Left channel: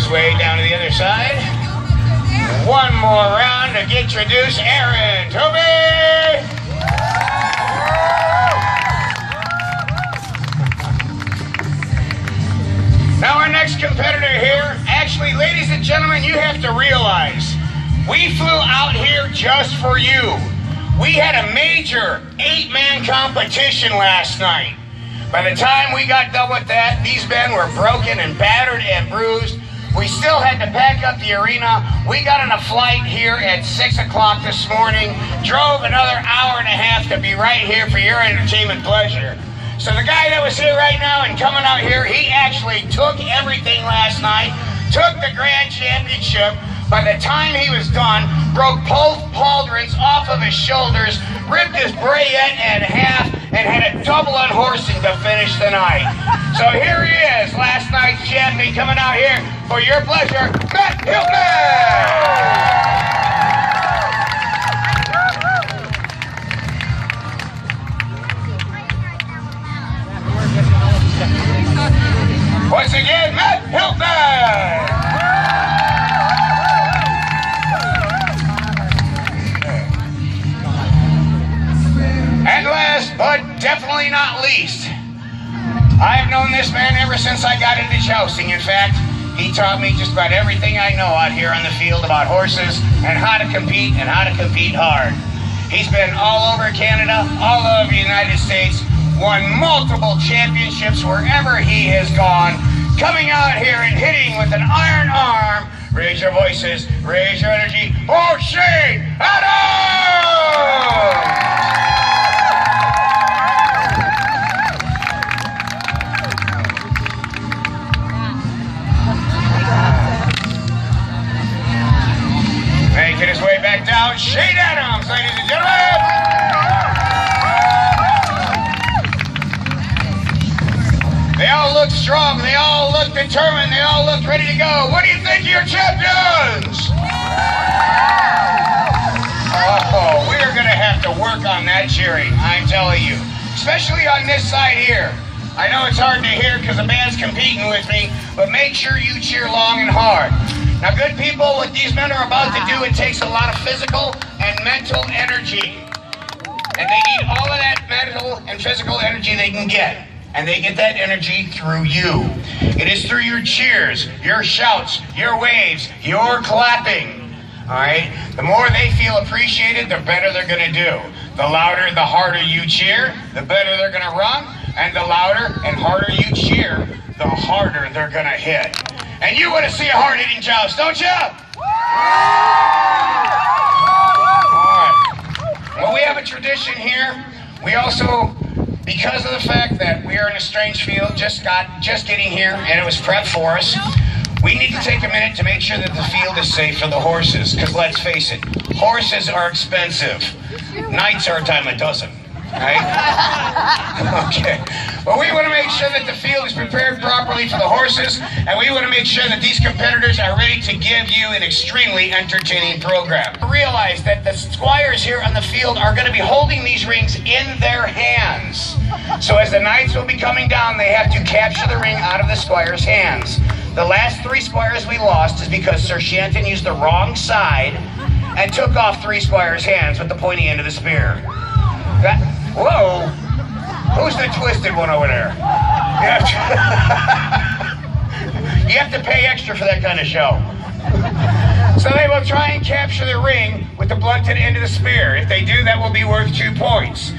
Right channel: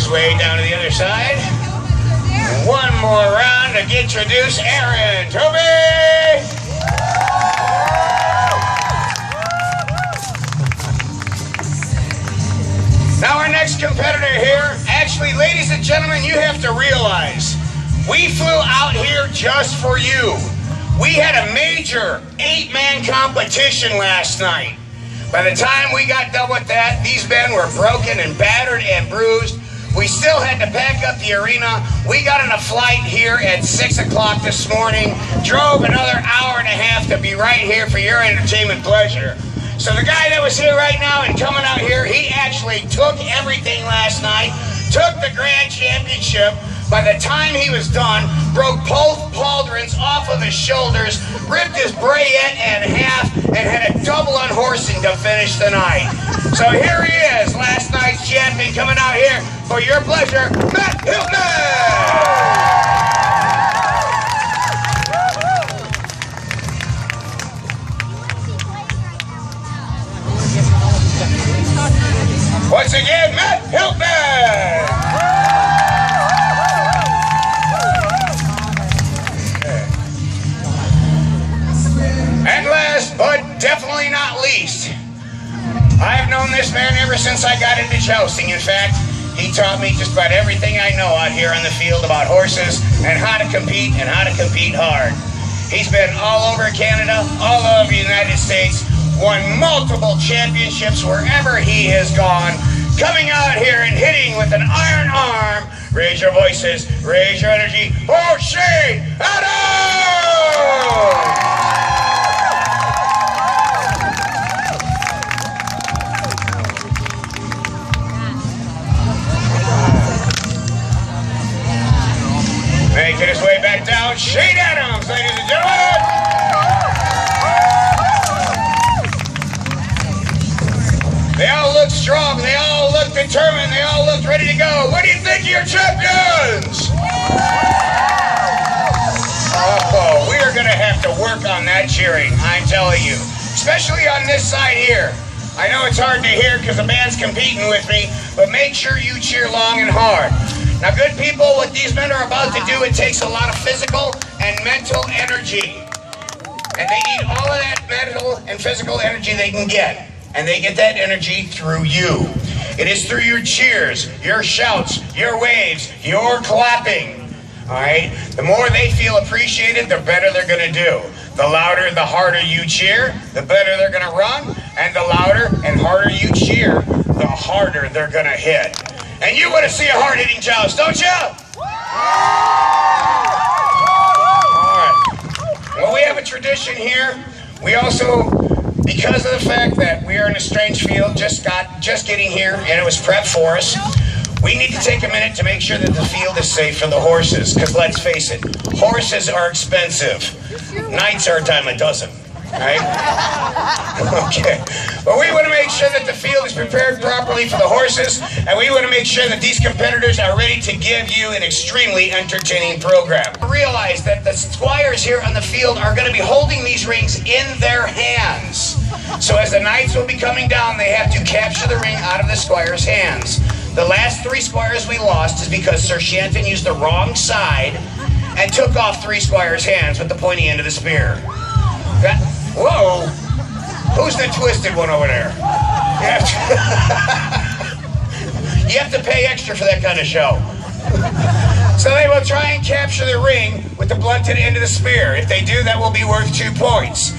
his way down to the other side. And one more round to introduce Aaron. Toby! Now our next competitor here, actually, ladies and gentlemen, you have to realize, we flew out here just for you. We had a major 8-man competition last night. By the time we got done with that, these men were broken and battered and bruised. We still had to pack up the arena. We got on a flight here at 6 o'clock this morning, drove another hour and a half to be right here for your entertainment pleasure. So the guy that was here right now and coming out here, he actually took everything last night, took the grand championship. By the time he was done, broke both pauldrons off of his shoulders, ripped his brayette in half, and had a double unhorsing to finish the night. So here he is, last night's champion, coming out here for your pleasure, Matt Hilton! Once again, Matt Hilton! And last, but definitely not least, I have known this man ever since I got into jousting. In fact, he taught me just about everything I know out here on the field about horses and how to compete hard. He's been all over Canada, all over the United States, won multiple championships wherever he has gone, coming out here and hitting with an iron arm. Raise your voices, raise your energy. Oh, Shane Adams! Making his way back down, Shane Adams, ladies and gentlemen! They all look strong, they all look determined, they all look ready to go. What do you think of your champions? Oh, we are going to have to work on that cheering, I'm telling you. Especially on this side here. I know it's hard to hear because the band's competing with me, but make sure you cheer long and hard. Now, good people, what these men are about to do, it takes a lot of physical and mental energy. And they need all of that mental and physical energy they can get. And they get that energy through you. It is through your cheers, your shouts, your waves, your clapping. All right? The more they feel appreciated, the better they're going to do. The louder, the harder you cheer, the better they're going to run. And the louder and harder you cheer, the harder they're going to hit. And you want to see a hard-hitting joust, don't you? All right. Well, we have a tradition here. We also, because of the fact that we are in a strange field, just getting here, and it was prepped for us, we need to take a minute to make sure that the field is safe for the horses. Because let's face it, horses are expensive. Knights are a dime a dozen, right? Okay. But we want to make sure that the field is prepared properly for the horses, and we want to make sure that these competitors are ready to give you an extremely entertaining program. Realize that the squires here on the field are going to be holding these rings in their hands. So as the knights will be coming down, they have to capture the ring out of the squire's hands. The last 3 squires we lost is because Sir Shanton used the wrong side and took off 3 squires' hands with the pointy end of the spear. Whoa! Who's the twisted one over there? You have to pay extra for that kind of show. So they will try and capture the ring with the blunted end of the spear. If they do, that will be worth 2 points.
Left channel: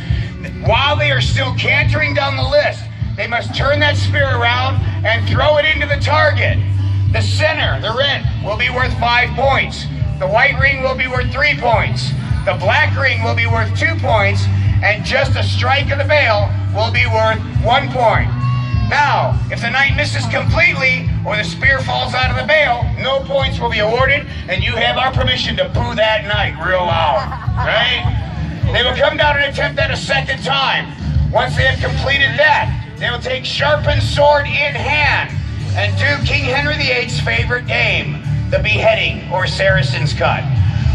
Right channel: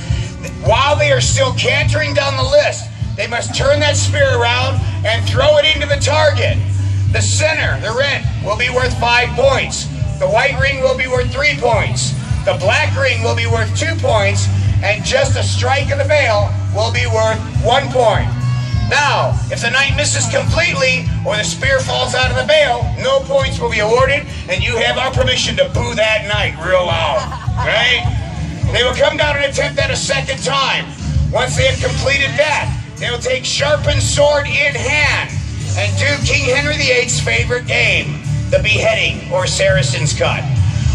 While they are still cantering down the list, they must turn that spear around and throw it into the target. The center, the red, will be worth 5 points. The white ring will be worth 3 points. The black ring will be worth 2 points. And just a strike of the veil will be worth 1 point. Now, if the knight misses completely or the spear falls out of the veil, no points will be awarded, and you have our permission to boo that knight real loud, right? They will come down and attempt that a second time. Once they have completed that, they will take sharpened sword in hand and do King Henry VIII's favorite game, the beheading or Saracen's cut.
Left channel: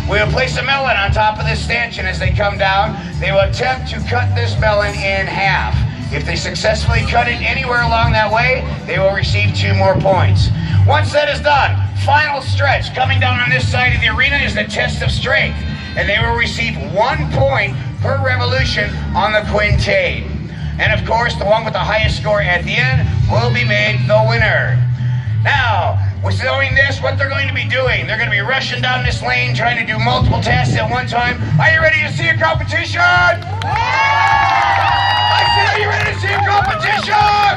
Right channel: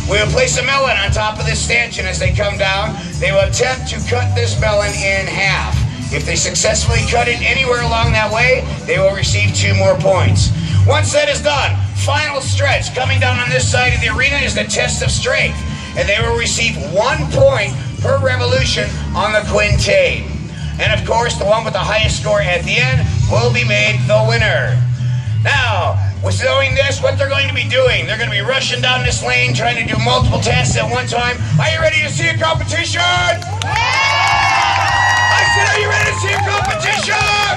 We will place a melon on top of this stanchion as they come down. They will attempt to cut this melon in half. If they successfully cut it anywhere along that way, they will receive 2 more points. Once that is done, final stretch coming down on this side of the arena is the test of strength, and they will receive 1 point per revolution on the quintain. And of course, the one with the highest score at the end will be made the winner. Now, with doing this, what they're going to be doing, they're going to be rushing down this lane, trying to do multiple tasks at one time. Are you ready to see a competition? Yeah! I said, are you ready to see a competition? Yeah!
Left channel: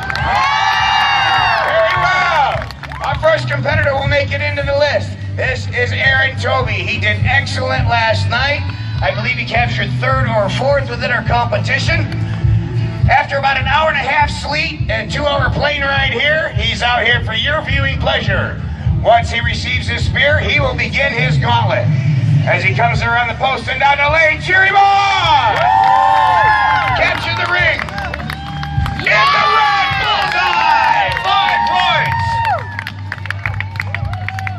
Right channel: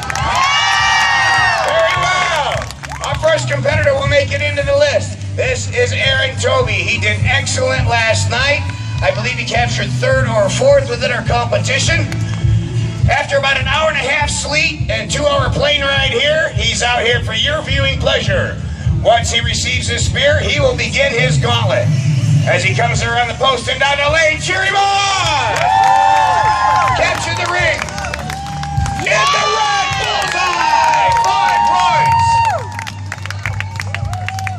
Very well. Our first competitor will make it into the list. This is Aaron Toby. He did excellent last night. I believe he captured 3rd or 4th within our competition. After about an hour and a half sleep and a 2-hour plane ride here, he's out here for your viewing pleasure. Once he receives his spear, he will begin his gauntlet. As he comes around the post and down the lane, cheer him on! Capture the ring. Get the red bullseye! 5 points.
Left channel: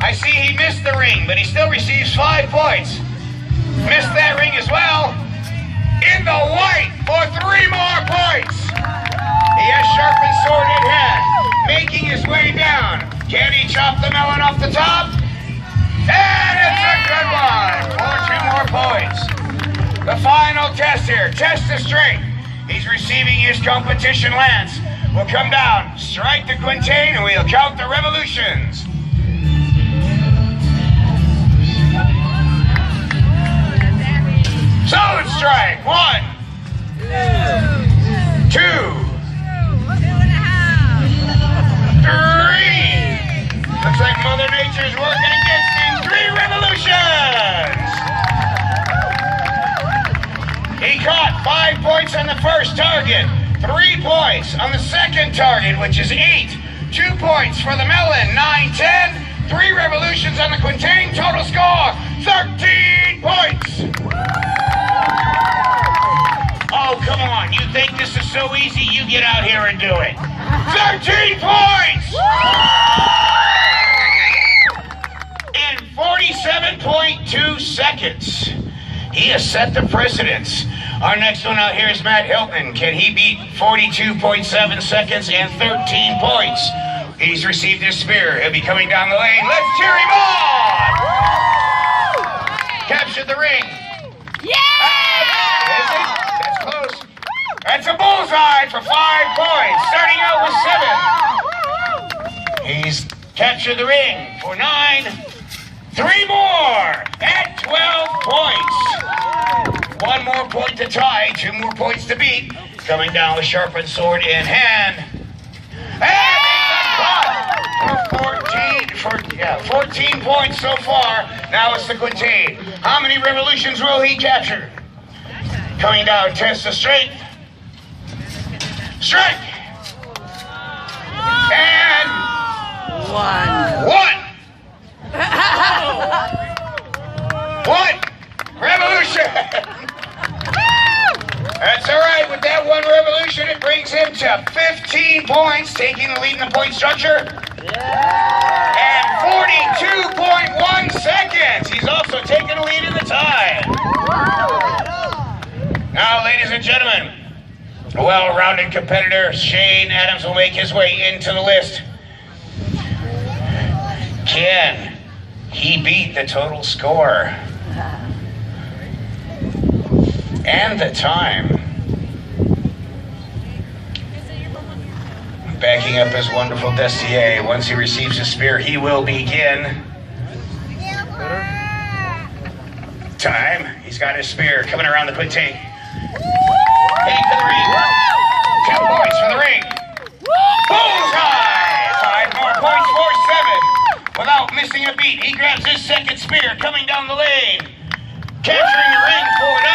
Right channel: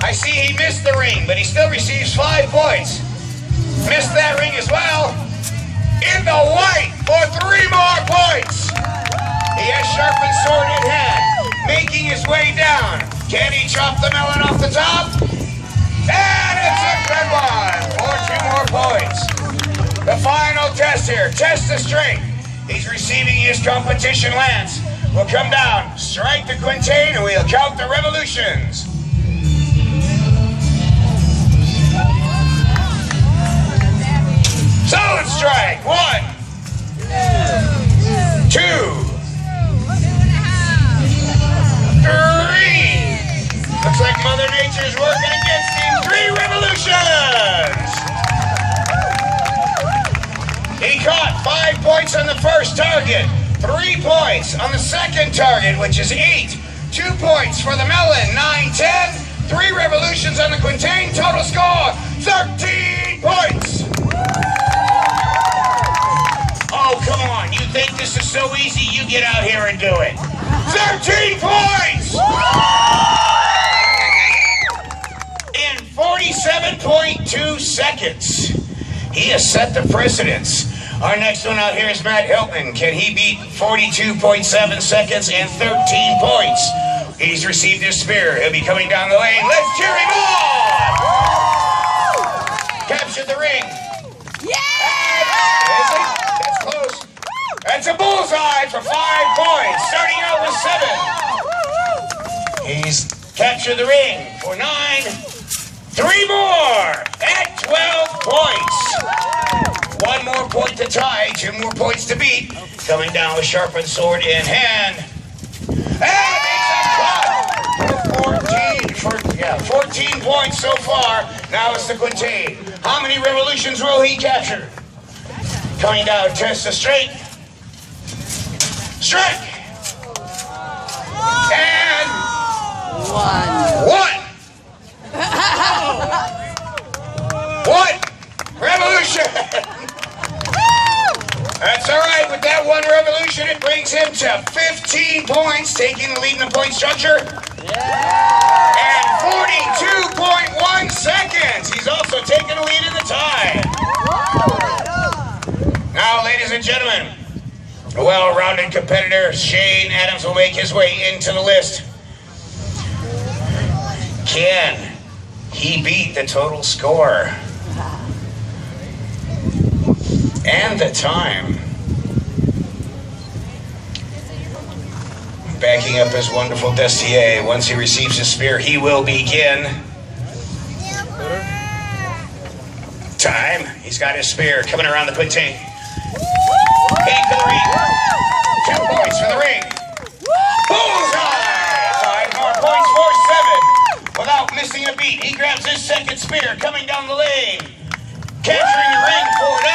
I see he missed the ring, but he still receives 5 points. Missed that ring as well. In the white for 3 more points. He has sharpened sword in hand, making his way down. Can he chop the melon off the top? And it's a good one for 2 more points. The final test here, test of strength. He's receiving his competition lance. We'll come down, strike the quintain, and we'll count the revolutions. Solid strike. 1, 2, 3. Looks like Mother Nature's working against him. 3 revolutions. He caught 5 points on the first target, 3 points on the second target, which is 8. 2 points for the melon, 9, 10. 3 revolutions on the quintain, total score, 13 points. Oh, come on. You think this is so easy? You get out here and do it. 13 points! In 47.2 seconds. He has set the precedence. Our next one out here is Matt Hilton. Can he beat 42.7 seconds and 13 points? He's received his spear. He'll be coming down the lane. Let's cheer him on! Captured the ring. That's a bullseye for 5 points, starting out with 7. He's captured the ring for 9. 3 more at 12 points. 1 more point to tie, 2 more points to beat. Coming down with sharpened sword in hand. And it's a cut for 14 points so far. Now it's the quintain. How many revolutions will he capture? Coming down, test of strength. Strike! And 1. 1 revolution! That's all right. With that 1 revolution, it brings him to 15 points, taking the lead in the point structure. And 42.1 seconds. He's also taking the lead in the tie. Now, ladies and gentlemen, a well-rounded competitor, Shane Adams, will make his way into the list. Can he beat the total score? And the time. Backing up his wonderful Destier. Once he receives his spear, he will begin. Time. He's got his spear coming around the quintain. 8 for the ring. 2 points for the ring. Bullseye! 5 more points for 7. Without missing a beat, he grabs his second spear coming down the lane. Capturing the ring for 9.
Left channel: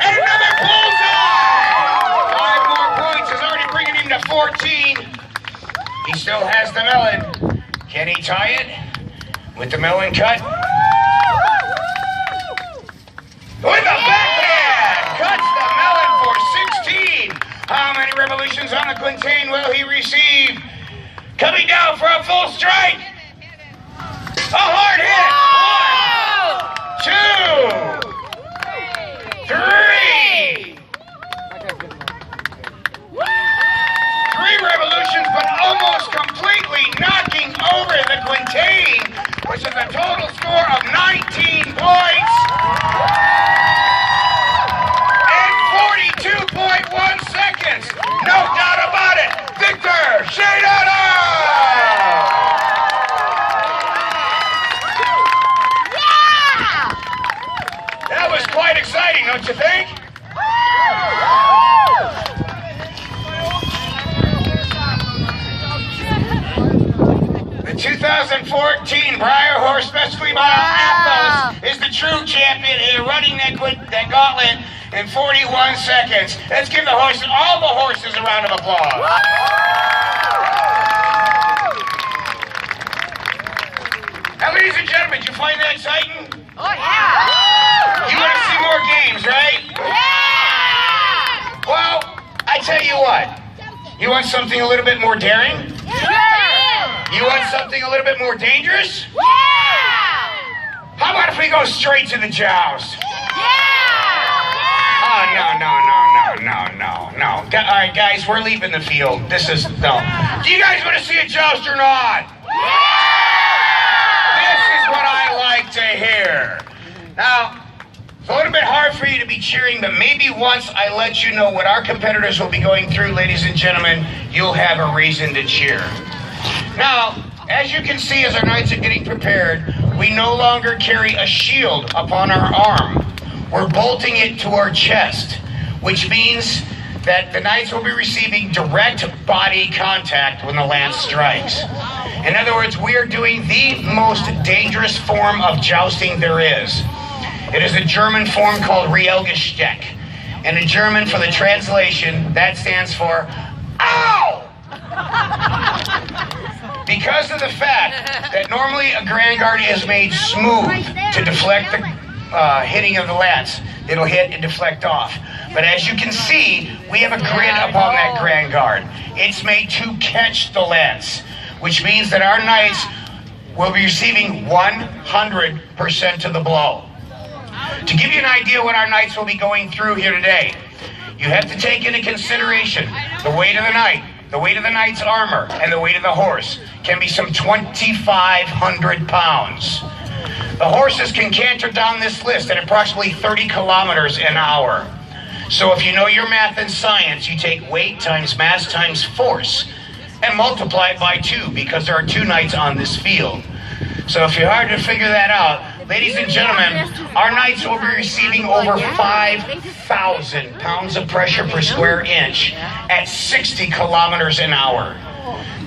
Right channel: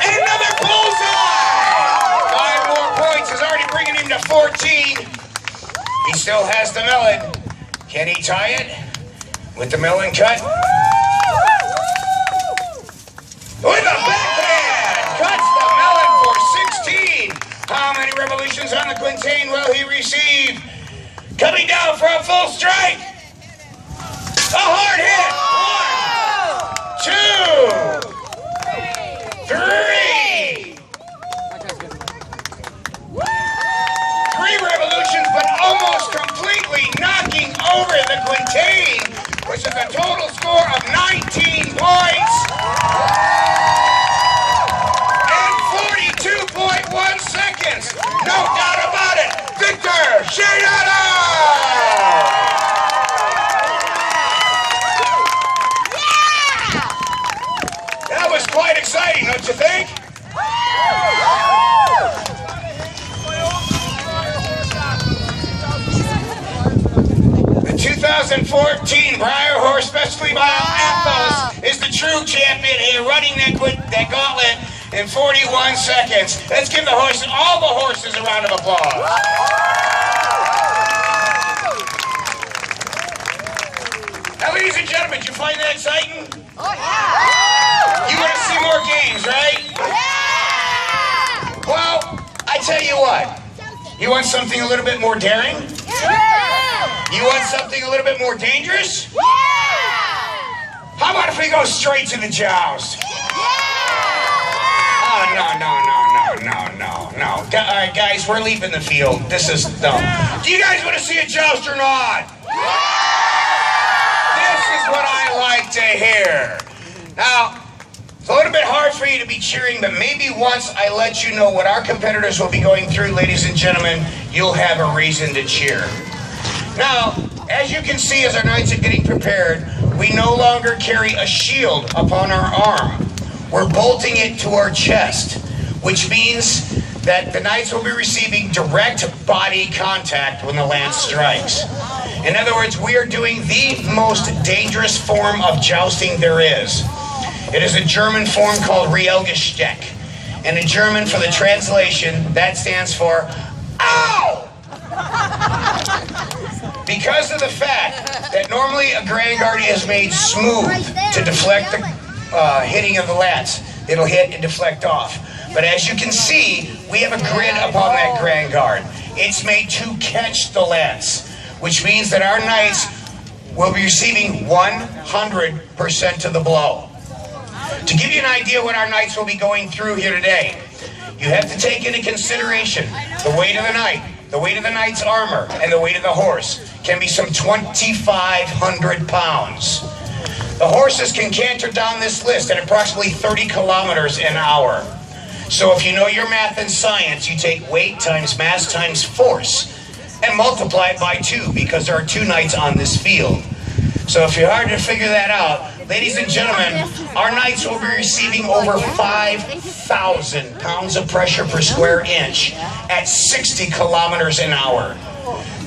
And another bullseye! 5 more points is already bringing him to 14. He still has the melon. Can he tie it with the melon cut? With the backhand! Cuts the melon for 16. How many revolutions on the quintain will he receive? Coming down for a full strike. A hard hit. 1, 2, 3. Quintain, which is a total score of 19 points and 42.1 seconds. No doubt about it. Victor Shadano! Yeah! That was quite exciting, don't you think? The 2014 Briar Horse Specialty Mile Ethos is the true champion in running that gauntlet in 41 seconds. Let's give all the horses a round of applause. Now, ladies and gentlemen, did you find that exciting? Oh, yeah! You want to see more games, right? Yeah! Well, I tell you what. You want something a little bit more daring? Yeah! You want something a little bit more dangerous? Yeah! How about if we go straight to the joust? Yeah! Oh, no. All right, guys, we're leaving the field. This is, no. Do you guys want to see a joust or not? This is what I like to hear. Now, it's a little bit hard for you to be cheering, but maybe once I let you know what our competitors will be going through, ladies and gentlemen, you'll have a reason to cheer. Now, as you can see, as our knights are getting prepared, we no longer carry a shield upon our arm. We're bolting it to our chest, which means that the knights will be receiving direct body contact when the lance strikes. In other words, we are doing the most dangerous form of jousting there is. It is a German form called Realgesteck. And in German, for the translation, that stands for OW! Because of the fact that normally a grand guard is made smooth to deflect the hitting of the lance. It'll hit and deflect off. But as you can see, we have a grid upon that grand guard. It's made to catch the lance, which means that our knights will be receiving 100% of the blow. To give you an idea what our knights will be going through here today, you have to take into consideration the weight of the knight, the weight of the knight's armor, and the weight of the horse can be some 2,500 pounds. The horses can canter down this list at approximately 30 kilometers an hour. So if you know your math and science, you take weight times mass times force and multiply it by 2 because there are 2 knights on this field. So if you're hard to figure that out, ladies and gentlemen, our knights will be receiving over 5,000 pounds of pressure per square inch at 60 kilometers an hour.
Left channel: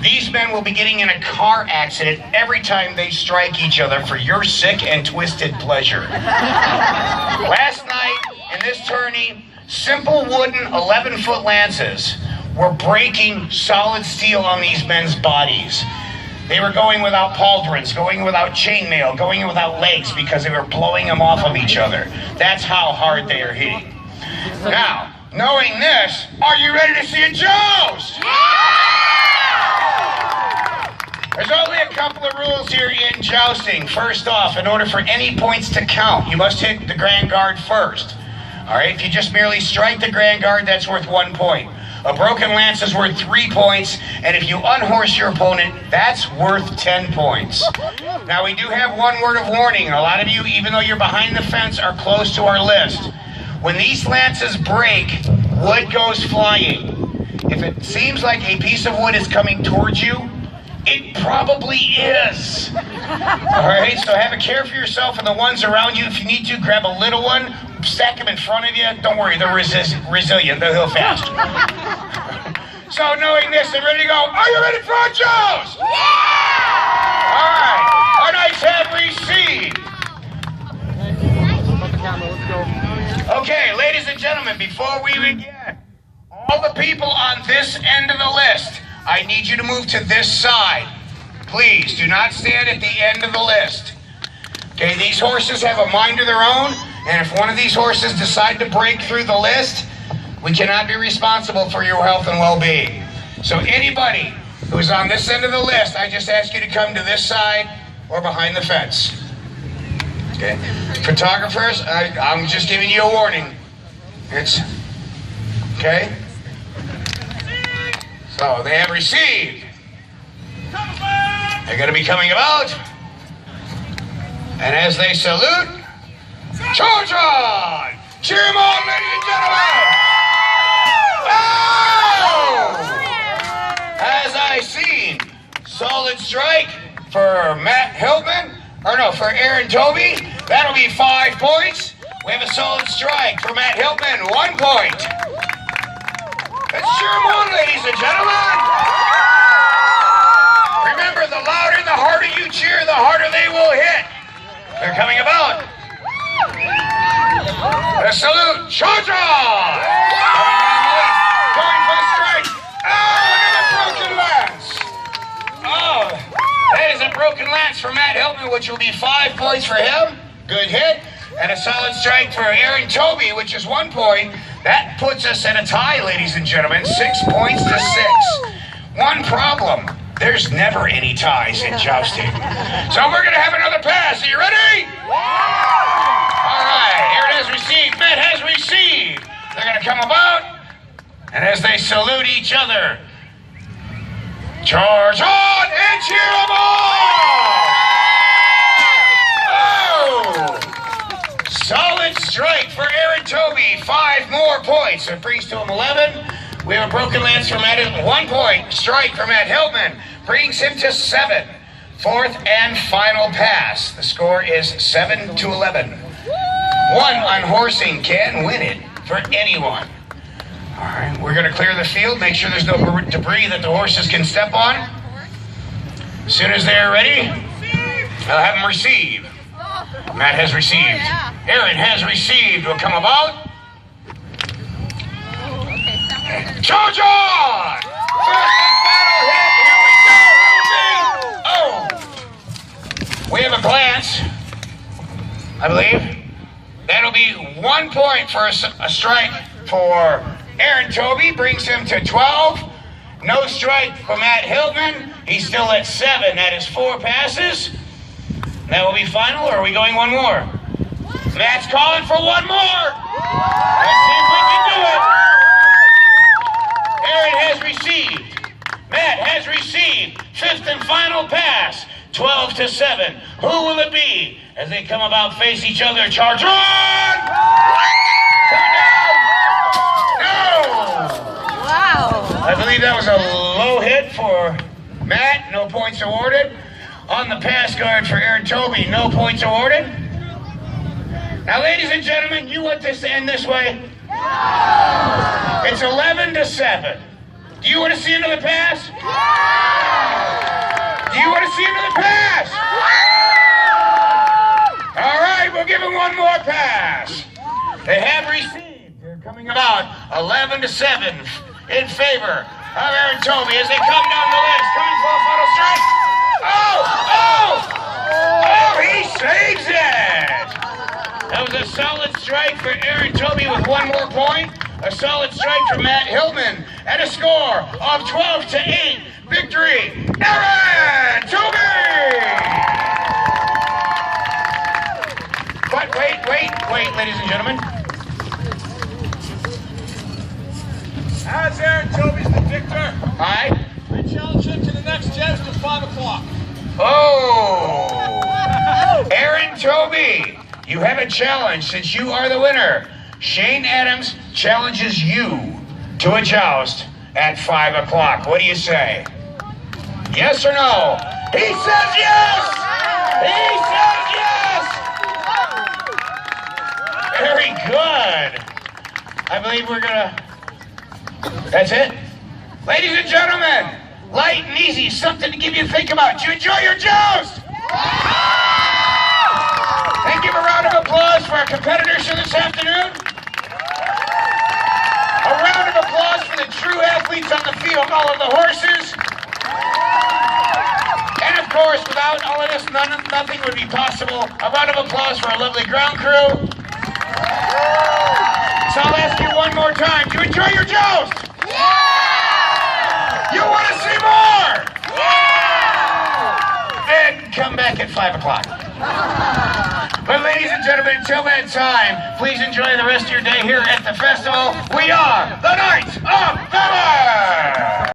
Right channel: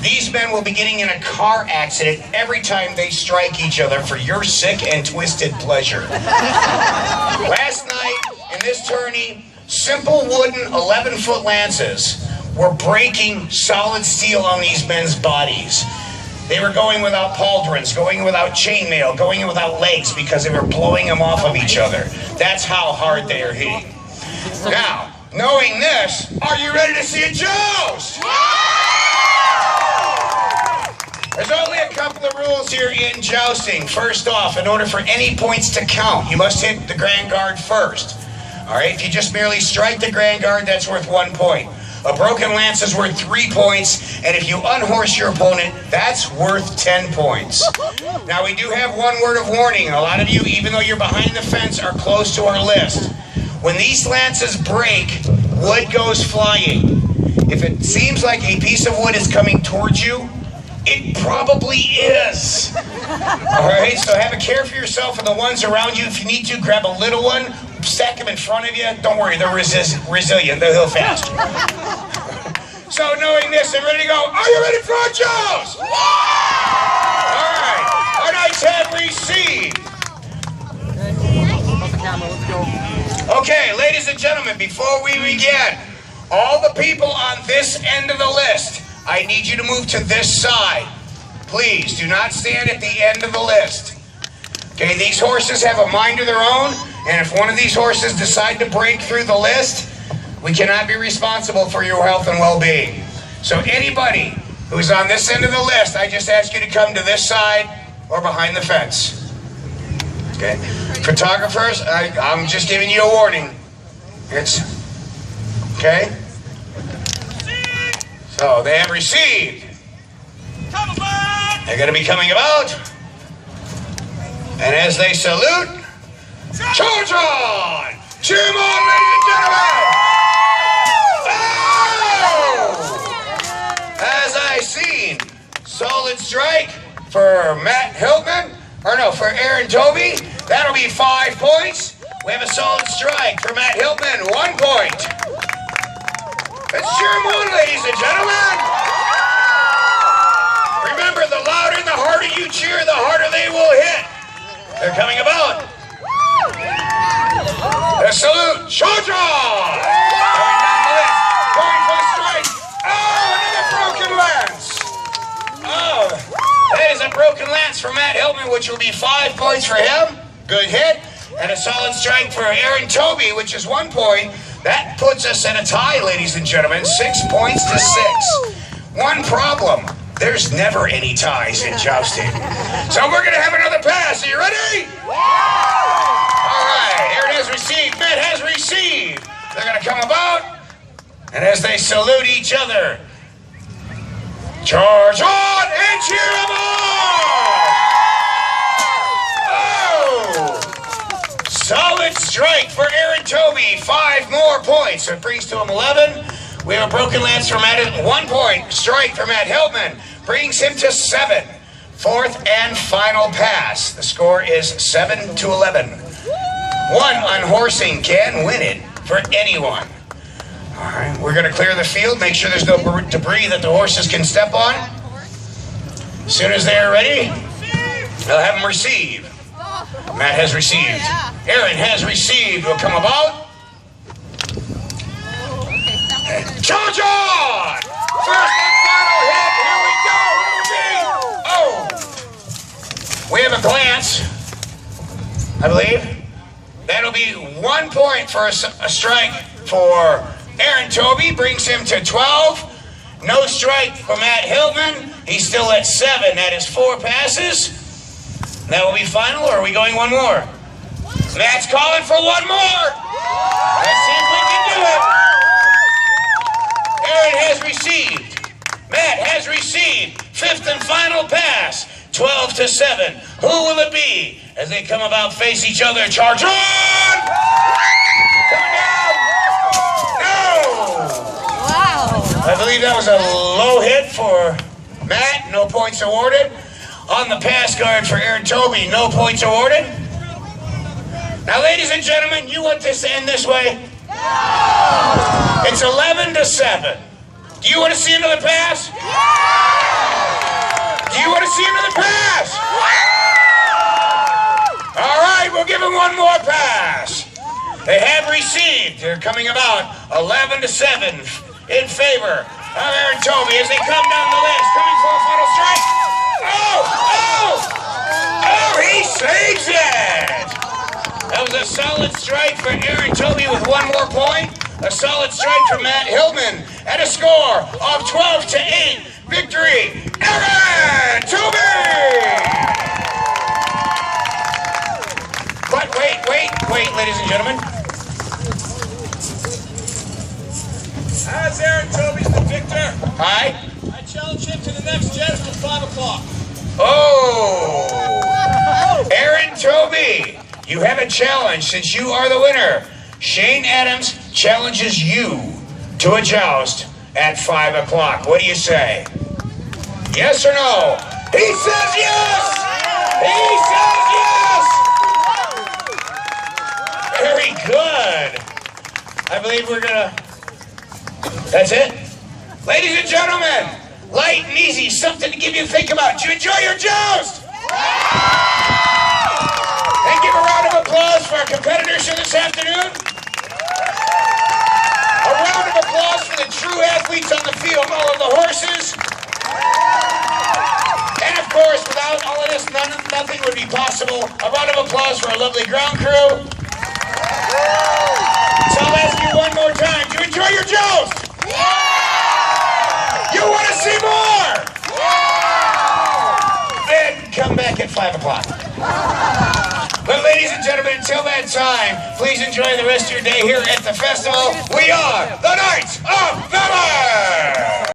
These men will be getting in a car accident every time they strike each other for your sick and twisted pleasure. Last night in this tourney, simple wooden 11-foot lances were breaking solid steel on these men's bodies. They were going without pauldrons, going without chainmail, going without legs because they were blowing them off of each other. That's how hard they are hitting. Now, knowing this, are you ready to see a joust? There's only a couple of rules here in jousting. First off, in order for any points to count, you must hit the grand guard first. All right, if you just merely strike the grand guard, that's worth 1 point. A broken lance is worth 3 points, and if you unhorse your opponent, that's worth 10 points. Now, we do have one word of warning. A lot of you, even though you're behind the fence, are close to our list. When these lances break, wood goes flying. If it seems like a piece of wood is coming towards you, it probably is. All right, so have a care for yourself and the ones around you. If you need to, grab a little one, stack them in front of you. Don't worry, they're resilient. They'll heal fast. So knowing this and ready to go, are you ready for a joust? Yeah! All right, our knights have received. Okay, ladies and gentlemen, before we begin, all the people on this end of the list, I need you to move to this side. Please, do not stand at the end of the list. Okay, these horses have a mind of their own, and if one of these horses decide to break through the list, we cannot be responsible for your health and well-being. So anybody who's on this end of the list, I just ask you to come to this side or behind the fence. Okay? Photographers, I'm just giving you a warning. Okay? So they have received They're going to be coming about. And as they salute, charge on! Cheer them on, ladies and gentlemen! Oh! As I see, solid strike for Matt Hiltman, for Aaron Toby. That'll be 5 points. We have a solid strike for Matt Hiltman, 1 point. Let's cheer them on, ladies and gentlemen. Remember, the louder and the harder you cheer, the harder they will hit. They're coming about. A salute, charge on! Going for the strike. Oh, another broken lance. Oh, that is a broken lance for Matt Hiltman, which will be 5 points for him. Good hit. And a solid strike for Aaron Toby, which is 1 point. That puts us at a tie, ladies and gentlemen, 6 points to 6. One problem, there's never any ties in jousting. So we're going to have another pass. Are you ready? All right, Aaron has received, Matt has received. They're going to come about, and as they salute each other, charge on and cheer them on! Oh! Solid strike for Aaron Toby, 5 more points. It brings to him 11. We have a broken lance for Matt, 1 point strike for Matt Hiltman, brings him to 7. 4th and final pass. The score is 7 to 11. 1 unhorsing can win it for anyone. All right, we're going to clear the field, make sure there's no debris that the horses can step on. As soon as they're ready, they'll have them receive. Matt has received. Aaron has received. Will come about. Charge on! First and final hit. Here we go. Oh! We have a glance, I believe. That'll be 1 point for a strike for Aaron Toby. Brings him to 12. No strike for Matt Hiltman. He's still at 7. That is 4 passes. That will be final, or are we going 1 more? Matt's calling for 1 more. Let's see if we can do it. Aaron has received. Matt has received. 5th and final pass. 12 to 7. Who will it be as they come about, face each other? Charge on! Turn down! No! Wow. I believe that was a low hit for Matt. No points awarded. On the pass guard for Aaron Toby, no points awarded. Now, ladies and gentlemen, you want this to end this way? No! It's 11 to 7. Do you want to see another pass? Do you want to see another pass? All right, we'll give him 1 more pass. They have received. They're coming about 11 to 7 in favor of Aaron Toby as they come down the list. Coming for a final strike. Oh, he saves it. That was a solid strike for Aaron Toby with 1 more point. A solid strike for Matt Hiltman at a score of 12 to 8. Victory, Aaron Toby! But wait, ladies and gentlemen. As Aaron Toby's the victor, Hi. I challenge him to the next joust at 5 o'clock. Oh! Aaron Toby, you have a challenge since you are the winner. Shane Adams challenges you to a joust at 5 o'clock. What do you say? Yes or no? He says yes! He says yes! Very good. I believe we're gonna... That's it? Ladies and gentlemen, light and easy, something to give you to think about. Did you enjoy your joust? And give a round of applause for our competitors here this afternoon. A round of applause for the true athletes on the field, all of the horses. And of course, without all of this, nothing would be possible. A round of applause for our lovely ground crew. So I'll ask you one more time, do you enjoy your joust? You want to see more? Then come back at 5 o'clock. But ladies and gentlemen, until that time, please enjoy the rest of your day here at the festival. We are